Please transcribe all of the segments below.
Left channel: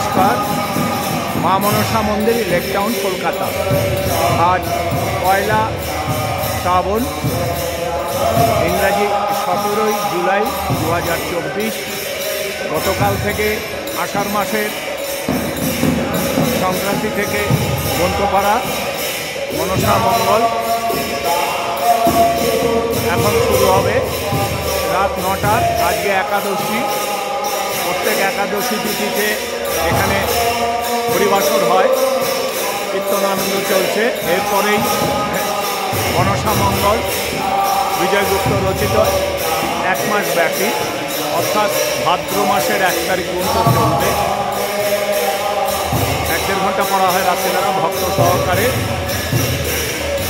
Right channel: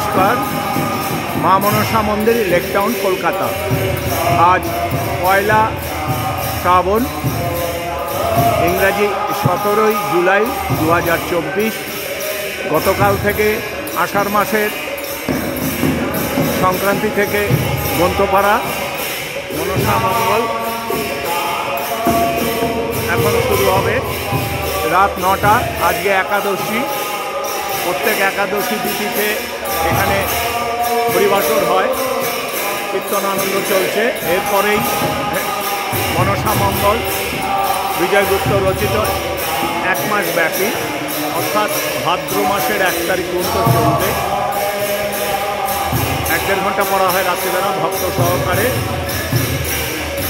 নমস্কার। মা মনসা মন্দির, লেক টাউন, কলকাতা। আজ পয়লা শ্রাবণ, ইংরাজি 17 জুলাই 2024। গতকাল থেকে আষাঢ় মাসের সংক্রান্তি থেকে গ্রন্থপাড়া মনসা মঙ্গল এখন শুরু হবে রাত 9টা। আজকে একাদশী। প্রত্যেক একাদশী তিথিতে এখানে হরিবাসর হয়, কীর্তন আনন্দ চলছে। এরপরেই মনসা মঙ্গল বিজয়গুপ্ত রচিত 1 মাস ব্যাপী, অর্থাৎ ভাদ্র মাসের 1 তারিখ পর্যন্ত চলবে। 1-1.5 ঘন্টা পড়া হয় রাত্রিবেলা ভক্ত সহকারে।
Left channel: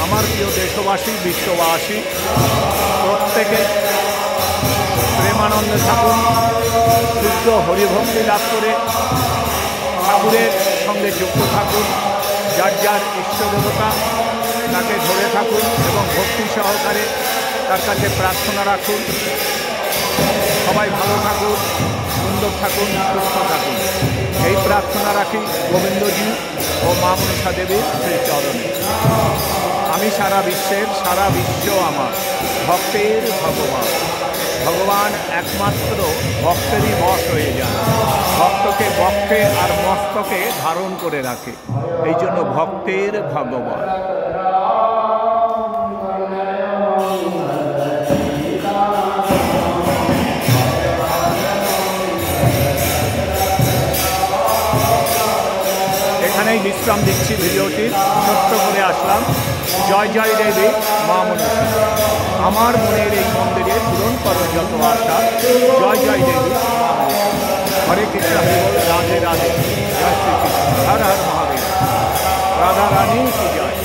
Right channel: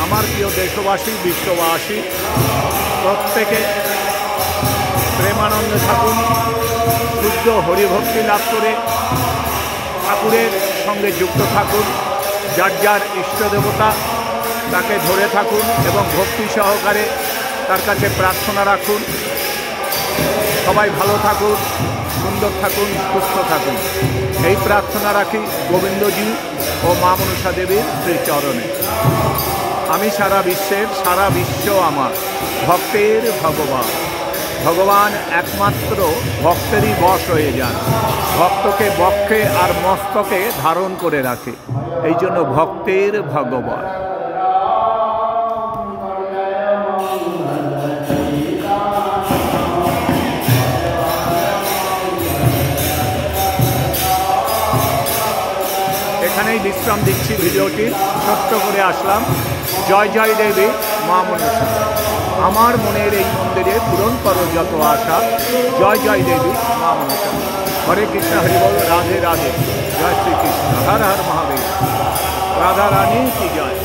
আমার প্রিয় দেশবাসী, বিশ্ববাসী প্রত্যেকে প্রেমানন্দে থাকুন, শুদ্ধ হরিভক্তি লাভ করে ঠাকুরের সঙ্গে যুক্ত থাকুন। যার যার ইষ্ট দেবতা তাকে ধরে থাকুন এবং ভক্তি সহকারে তার কাছে প্রার্থনা রাখুন। সবাই ভালো থাকুন, সুন্দর থাকুন, সুস্থ থাকুন, এই প্রার্থনা রাখি গোবিন্দজি ও মা মনসা দেবীর শ্রীচরণে। আমি সারা বিশ্ব আমার ভক্তের ভগবান। ভগবান একমাত্র ভক্তেরই বশ হয়ে যান, ভক্তকে বক্ষে আর মস্তকে ধারণ করে রাখে, এই জন্য ভক্তের ভগবান। এখানেই বিশ্রাম দিচ্ছি ভিডিওটি, ছোট্ট করে আসলাম। জয় জয় দেবী মা মনসা, আমার মনের এই মন্দিরে পূরণ করো যত আশা। জয় জয় দেবী মা মনসা। হরে কৃষ্ণ, হরি বল, রাধে রাধে, জয় শ্রীকৃষ্ণ, হর হর মহাদেব, রাধা রানী কি জয়।